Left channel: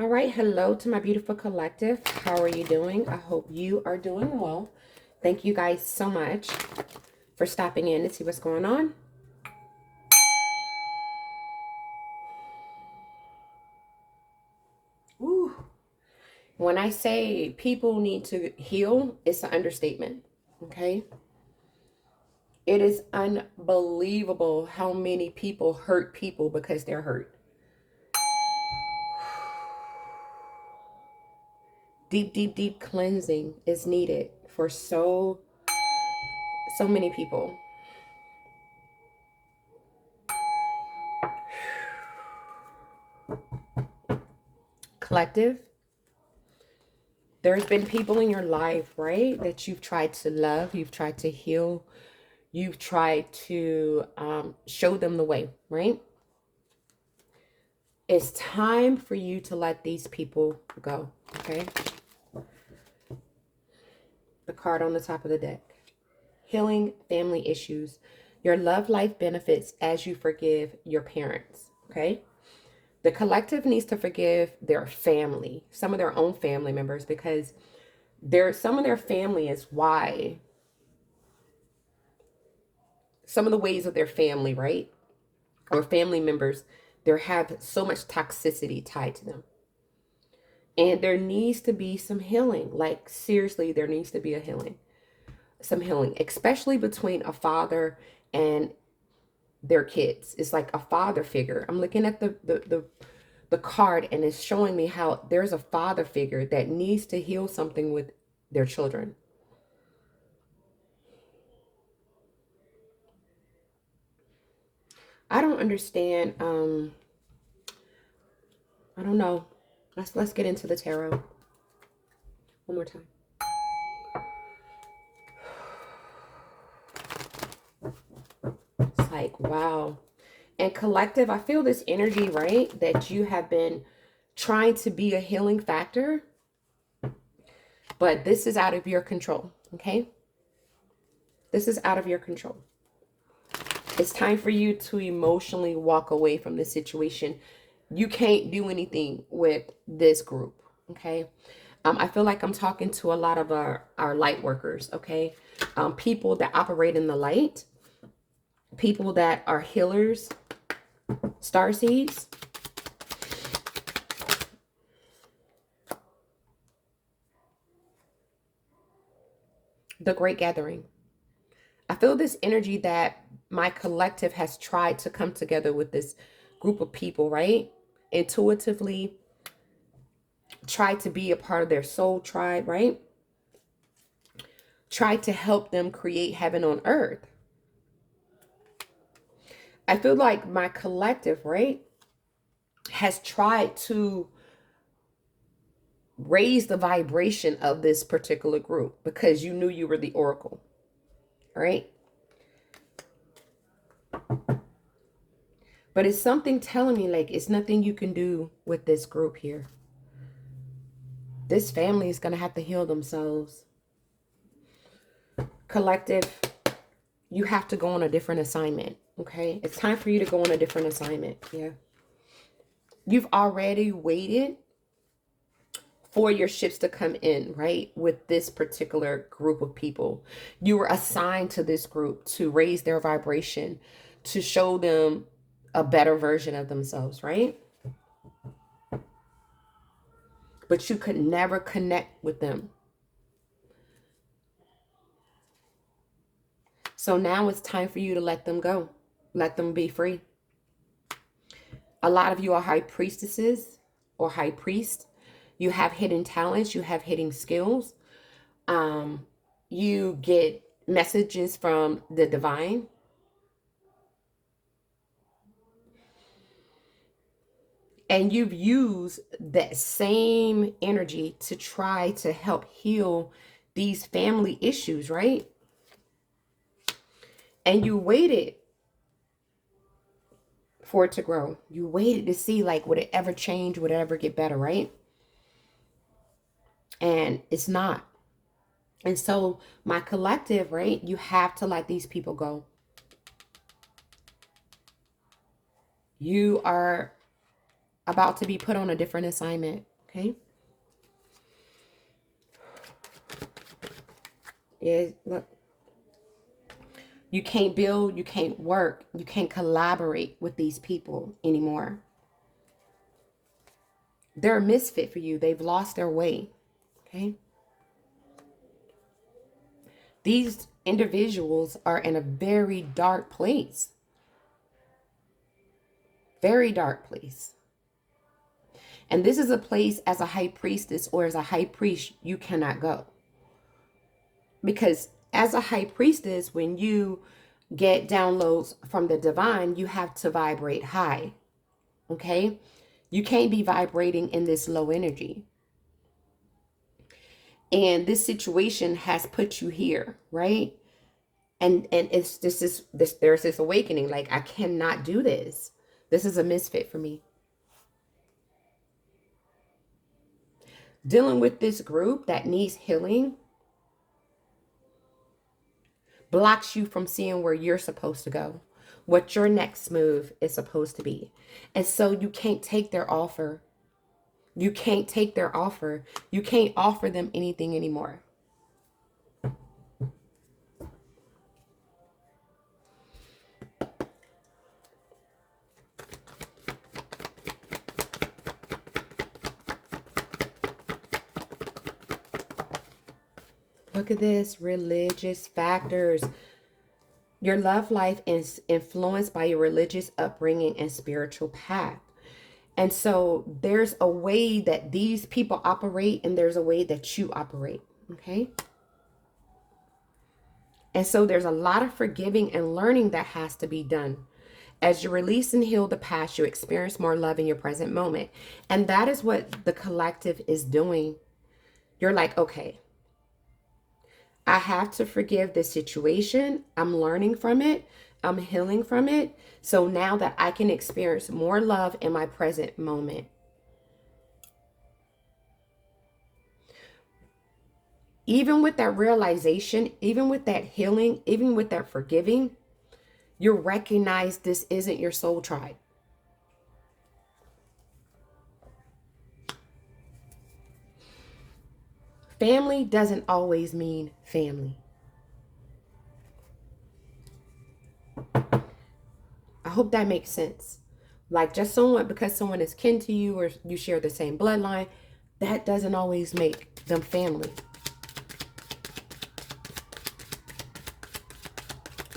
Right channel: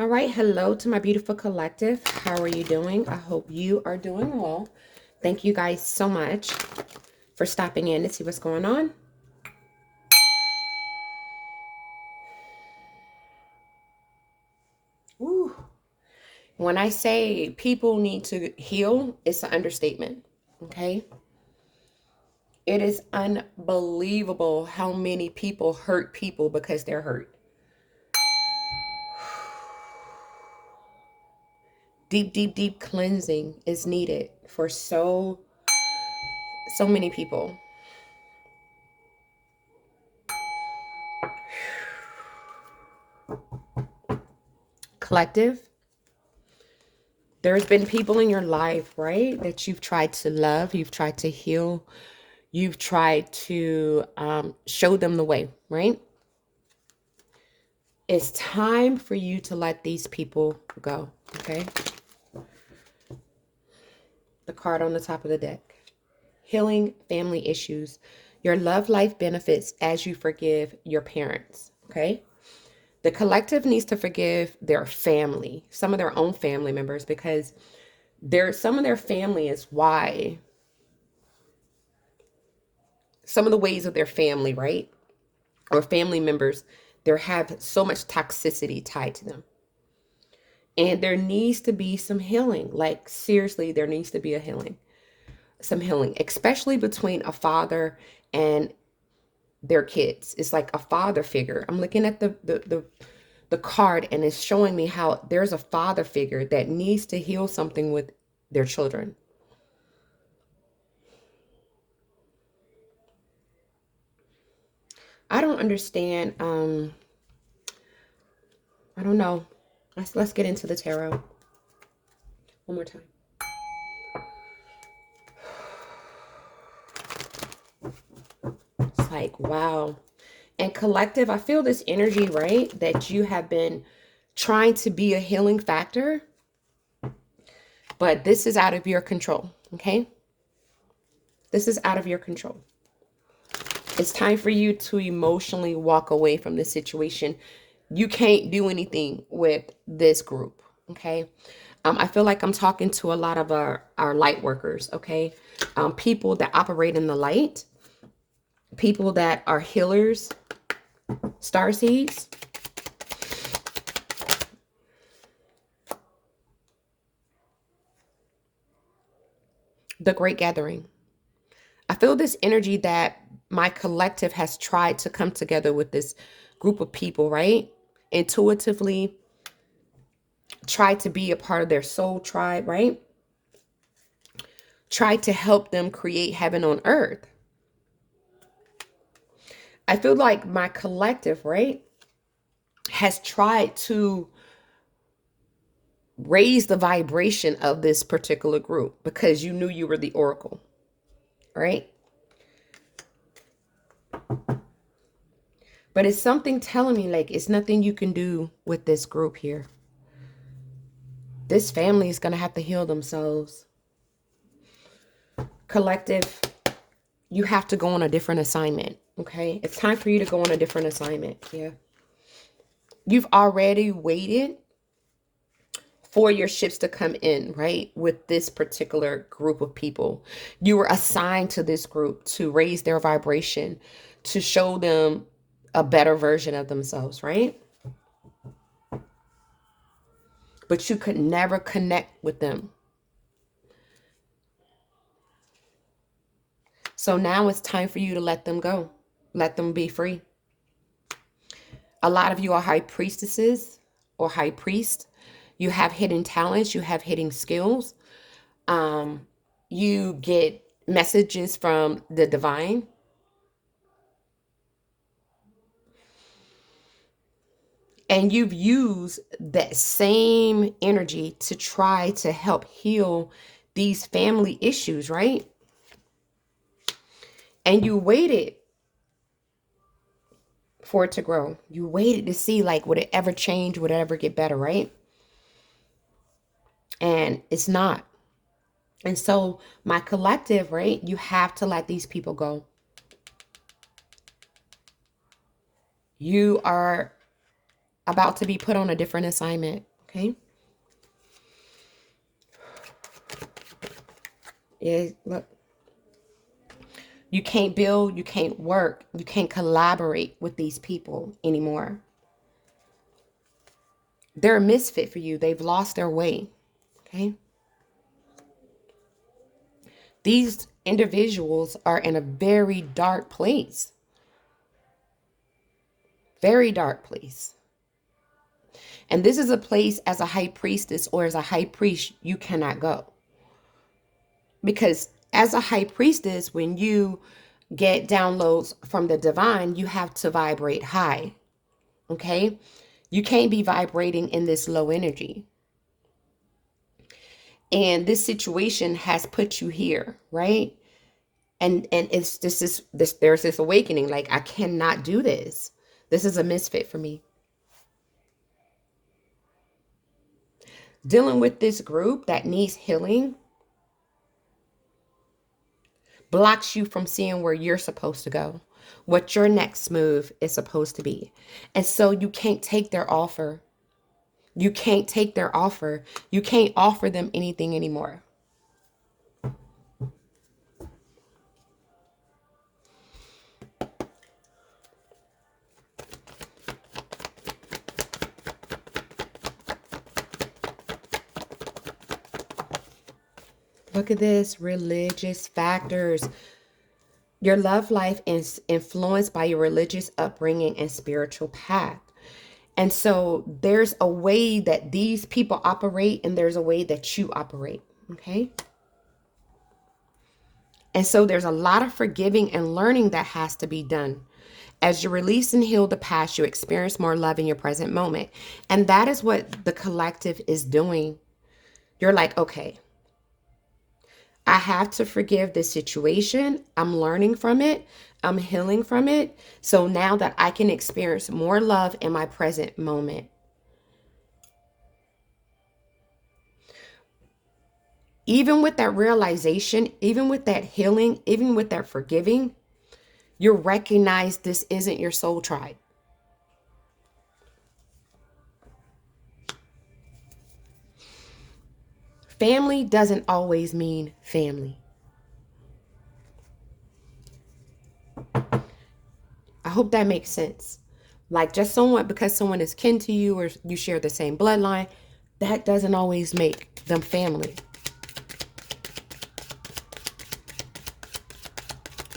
All right, hello to my beautiful collective. How are you doing? I hope you are doing well. Thank you guys so much for stopping in to see what's going on. Ooh. When I say people need to heal, it's an understatement, okay? It is unbelievable how many people hurt people because they're hurt. Deep, deep, deep cleansing is needed for so many people. Collective, there's been people in your life, right, that you've tried to love, you've tried to heal, you've tried to show them the way, right? It's time for you to let these people go, okay? The card on the top of the deck. Healing family issues. Your love life benefits as you forgive your parents, okay? The collective needs to forgive their family, some of their own family members, because some of their family is why, some of the ways of their family, right? Or family members, they have so much toxicity tied to them. And there needs to be some healing. Like, seriously, there needs to be a healing. Some healing, especially between a father and their kids. It's like a father figure. I'm looking at the card, and it's showing me how there's a father figure that needs to heal something with their children. I don't understand. I don't know. Let's get into the tarot one more time. It's like, wow. And collective, I feel this energy, right? That you have been trying to be a healing factor, but this is out of your control, okay? This is out of your control. It's time for you to emotionally walk away from this situation. You can't do anything with this group, okay? I feel like I'm talking to a lot of our light workers, okay? People that operate in the light, people that are healers, starseeds. The Great Gathering. I feel this energy that my collective has tried to come together with this group of people, right? Intuitively try to be a part of their soul tribe, right? Try to help them create heaven on earth. I feel like my collective, right, has tried to raise the vibration of this particular group because you knew you were the oracle, right? But it's something telling me like it's nothing you can do with this group here. This family is going to have to heal themselves. Collective, you have to go on a different assignment, okay? It's time for you to go on a different assignment, yeah. You've already waited for your ships to come in, right? With this particular group of people. You were assigned to this group to raise their vibration, to show them a better version of themselves, right? But you could never connect with them. So now it's time for you to let them go. Let them be free. A lot of you are high priestesses or high priest. You have hidden talents. You have hidden skills. You get messages from the divine. And you've used that same energy to try to help heal these family issues, right? And you waited for it to grow. You waited to see, like, would it ever change? Would it ever get better, right? And it's not. And so my collective, right? You have to let these people go. You are about to be put on a different assignment. Okay. Yeah, look. You can't build, you can't work, you can't collaborate with these people anymore. They're a misfit for you. They've lost their way. Okay. These individuals are in a very dark place. Very dark place. And this is a place as a high priestess or as a high priest you cannot go. Because as a high priestess, when you get downloads from the divine, you have to vibrate high. Okay? You can't be vibrating in this low energy. And this situation has put you here, right? And it's this there's this awakening, like, I cannot do this. This is a misfit for me. Dealing with this group that needs healing blocks you from seeing where you're supposed to go, what your next move is supposed to be. And so you can't take their offer. You can't take their offer. You can't offer them anything anymore. Look at this, religious factors. Your love life is influenced by your religious upbringing and spiritual path. And so there's a way that these people operate and there's a way that you operate. Okay. And so there's a lot of forgiving and learning that has to be done. As you release and heal the past, you experience more love in your present moment. And that is what the collective is doing. You're like, okay, I have to forgive this situation. I'm learning from it. I'm healing from it. So now that I can experience more love in my present moment. Even with that realization, even with that healing, even with that forgiving, you recognize this isn't your soul tribe. Family doesn't always mean family. I hope that makes sense. Like, just someone, because someone is kin to you or you share the same bloodline, that doesn't always make them family.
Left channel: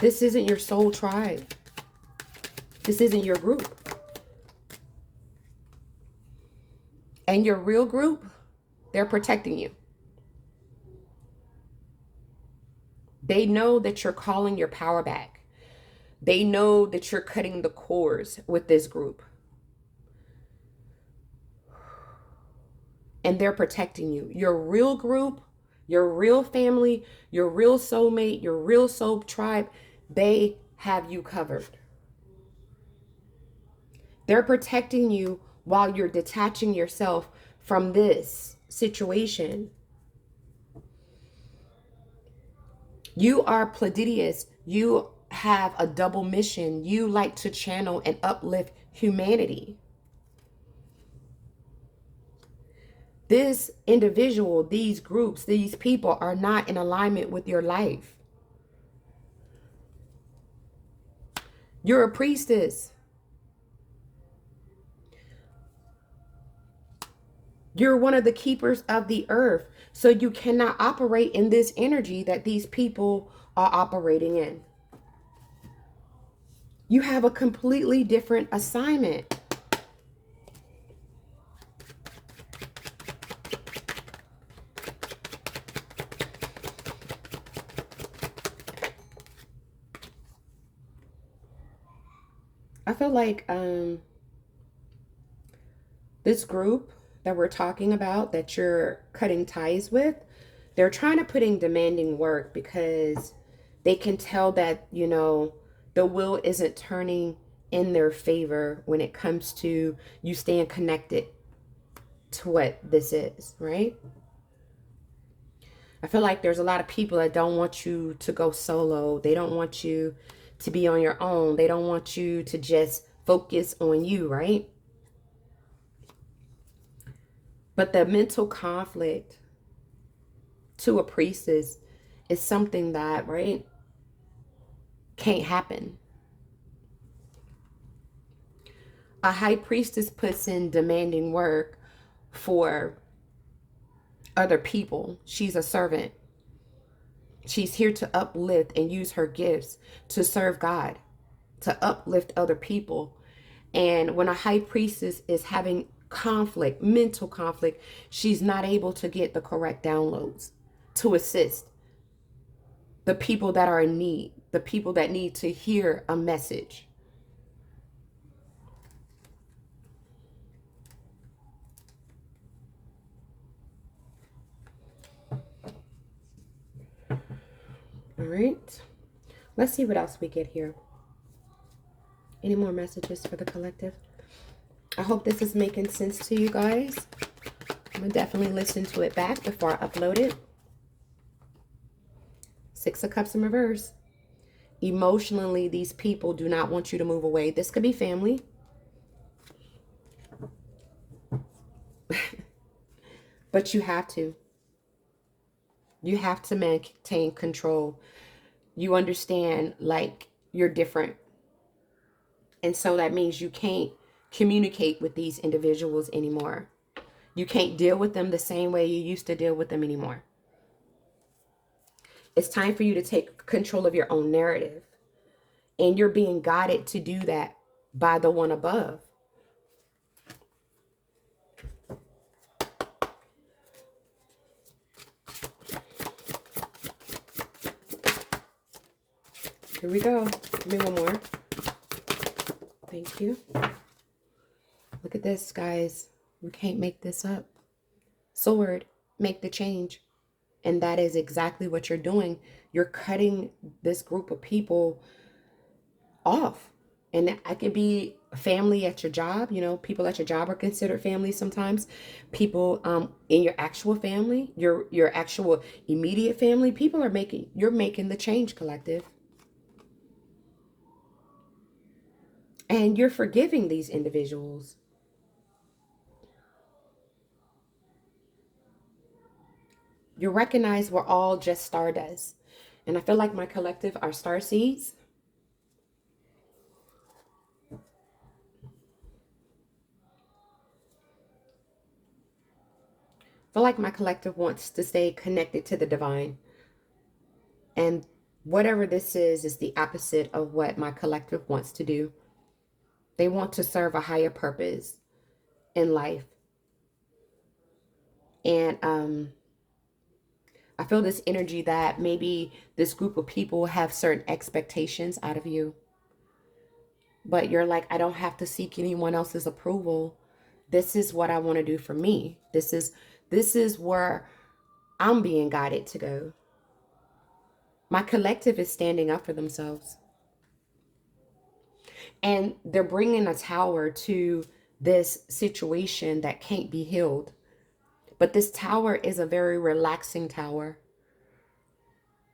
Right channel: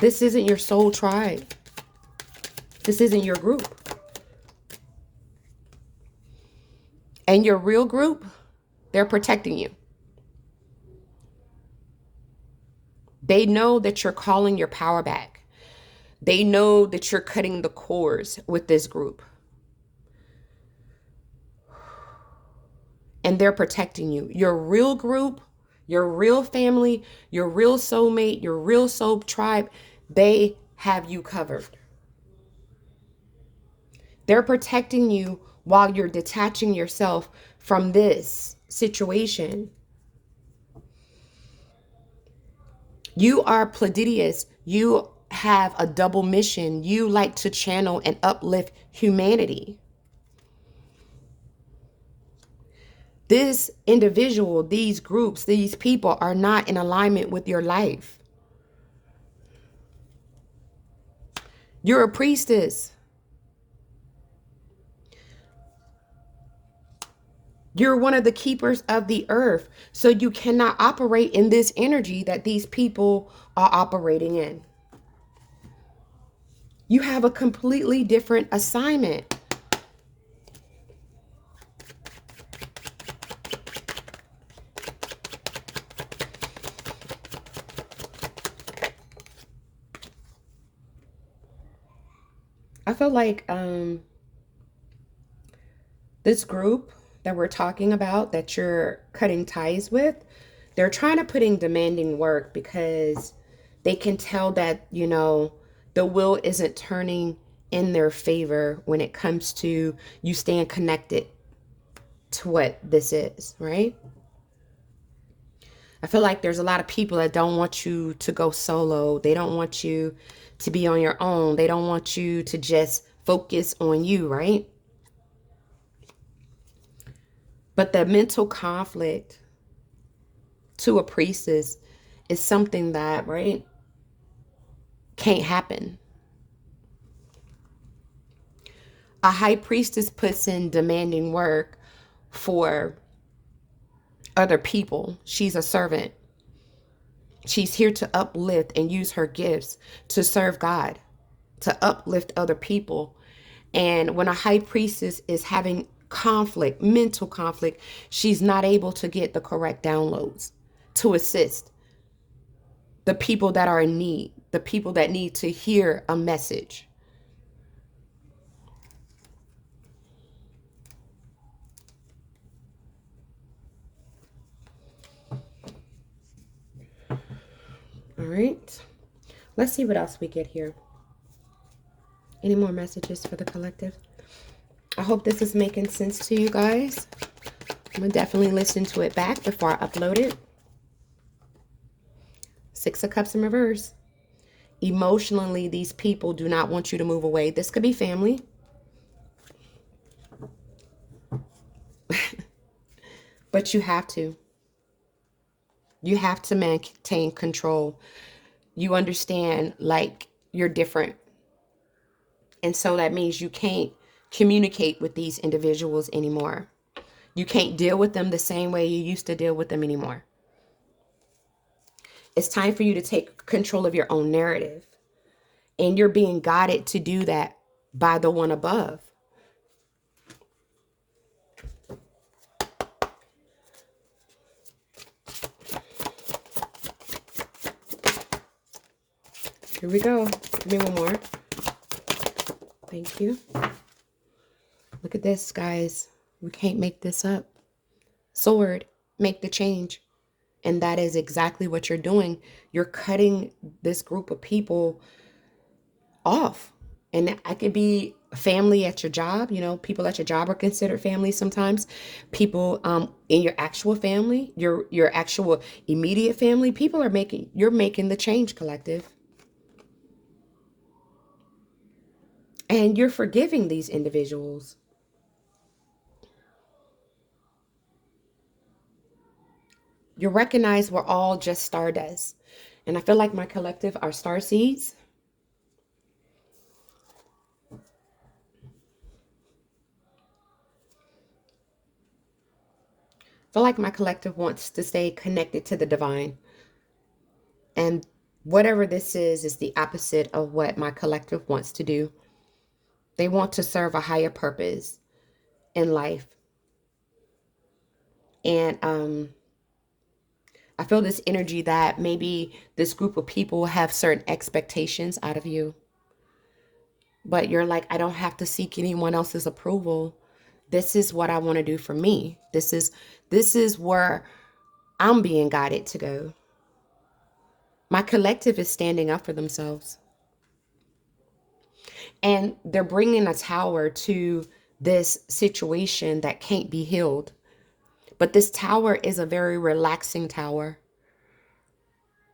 This isn't your soul tribe. This isn't your group. And your real group, they're protecting you. They know that you're calling your power back. They know that you're cutting the cords with this group. And they're protecting you. Your real group, your real family, your real soulmate, your real soul tribe, they have you covered. They're protecting you while you're detaching yourself from this situation. You are Pleiadius. You have a double mission. You like to channel and uplift humanity. This individual, these groups, these people are not in alignment with your life. You're a priestess. You're one of the keepers of the earth. So you cannot operate in this energy that these people are operating in. You have a completely different assignment. I feel like this group that we're talking about, that you're cutting ties with, they're trying to put in demanding work because they can tell that, you know, the wheel isn't turning in their favor when it comes to you staying connected to what this is, right? I feel like there's a lot of people that don't want you to go solo. They don't want you to be on your own. They don't want you to just focus on you, right? But the mental conflict to a priestess is something that, right, can't happen. A high priestess puts in demanding work for other people. She's a servant. She's here to uplift and use her gifts to serve God, to uplift other people. And when a high priestess is having conflict, mental conflict, she's not able to get the correct downloads to assist the people that are in need, the people that need to hear a message. All right. Let's see what else we get here. Any more messages for the collective? I hope this is making sense to you guys. I'm going to definitely listen to it back before I upload it. Six of Cups in reverse. Emotionally, these people do not want you to move away. This could be family. But you have to. You have to maintain control. You understand, like, you're different. And so that means you can't communicate with these individuals anymore. You can't deal with them the same way you used to deal with them anymore. It's time for you to take control of your own narrative. And you're being guided to do that by the one above. Here we go. Give me one more. Thank you. Look at this, guys. We can't make this up. Sword, make the change. And that is exactly what you're doing. You're cutting this group of people off. And I could be family at your job. You know, people at your job are considered family sometimes. People in your actual family, your actual immediate family, people are you're making the change, collective. And you're forgiving these individuals. You recognize we're all just stardust. And I feel like my collective are star seeds. I feel like my collective wants to stay connected to the divine. And whatever this is the opposite of what my collective wants to do. They want to serve a higher purpose in life. And I feel this energy that maybe this group of people have certain expectations out of you. But you're like, I don't have to seek anyone else's approval. This is what I want to do for me. This is where I'm being guided to go. My collective is standing up for themselves. And they're bringing a tower to this situation that can't be healed. But this tower is a very relaxing tower.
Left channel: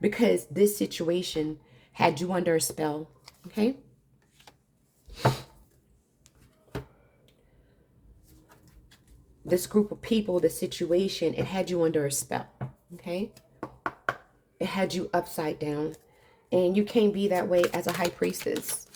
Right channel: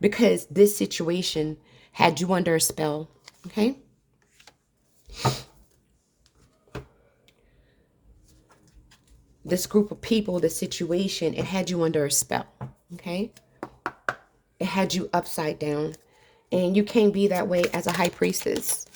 Because this situation had you under a spell. Okay? This group of people, the situation, it had you under a spell. Okay? It had you upside down. And you can't be that way as a high priestess.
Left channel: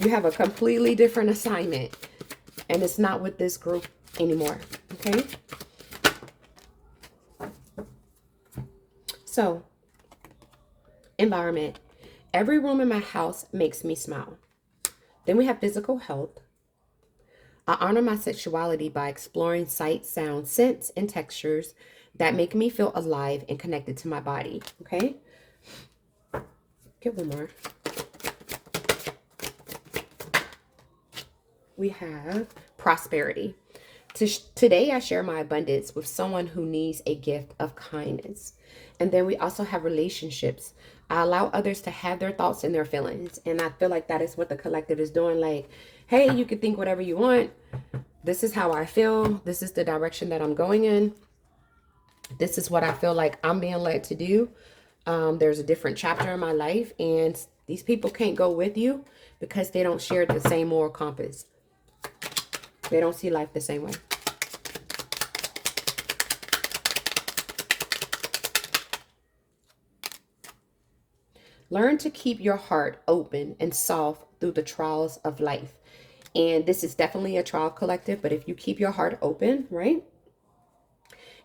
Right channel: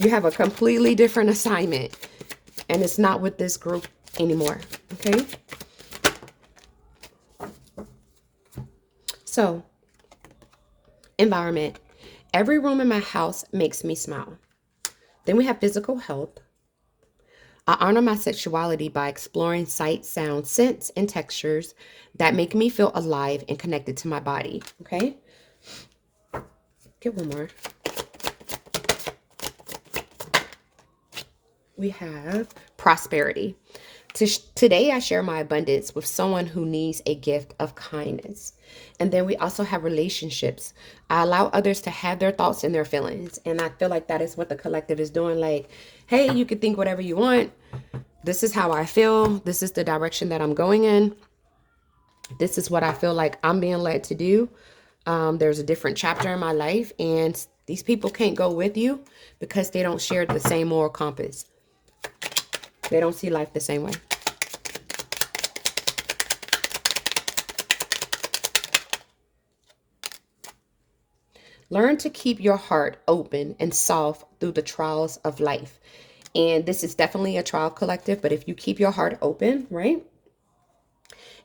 You have a completely different assignment. And it's not with this group anymore. Okay? So, environment. Every room in my house makes me smile. Then we have physical health. I honor my sexuality by exploring sight, sound, scents, and textures that make me feel alive and connected to my body. Okay? Get one more. We have prosperity. Today, I share my abundance with someone who needs a gift of kindness. And then we also have relationships. I allow others to have their thoughts and their feelings. And I feel like that is what the collective is doing. Like, hey, you can think whatever you want. This is how I feel. This is the direction that I'm going in. This is what I feel like I'm being led to do. There's a different chapter in my life. And these people can't go with you because they don't share the same moral compass. They don't see life the same way. Learn to keep your heart open and soft through the trials of life. And this is definitely a trial collective, but if you keep your heart open, right,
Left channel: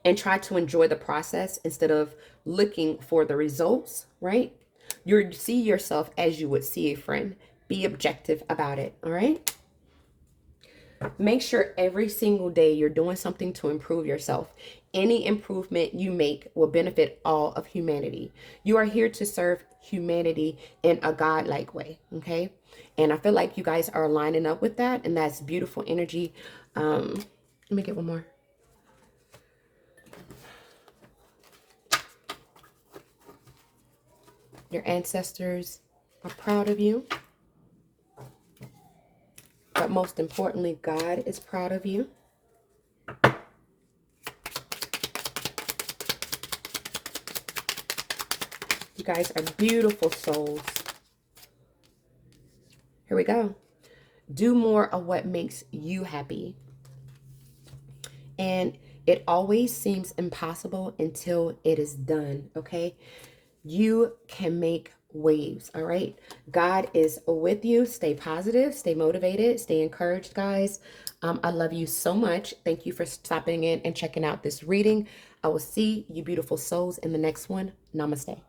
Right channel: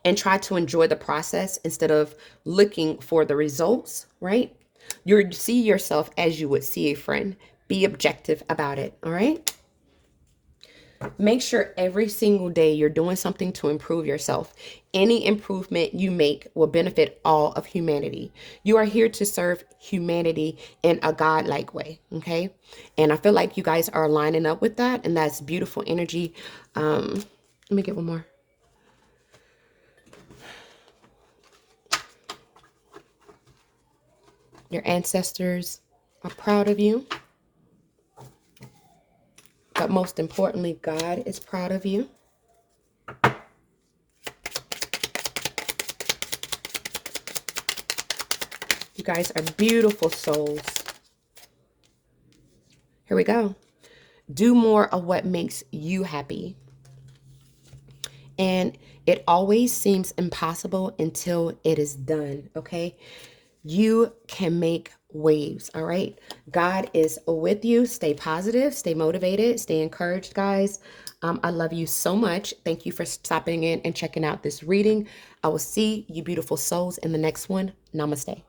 and try to enjoy the process instead of looking for the results, right, you see yourself as you would see a friend. Be objective about it, all right? Make sure every single day you're doing something to improve yourself. Any improvement you make will benefit all of humanity. You are here to serve humanity in a godlike way, okay? And I feel like you guys are lining up with that, and that's beautiful energy. Let me get one more. Your ancestors are proud of you. But most importantly, God is proud of you. You guys are beautiful souls. Here we go. Do more of what makes you happy. And it always seems impossible until it is done, okay? You can make waves, all right? God is with you. Stay positive, stay motivated, stay encouraged, guys. I love you so much. Thank you for stopping in and checking out this reading. I will see you beautiful souls in the next one. Namaste.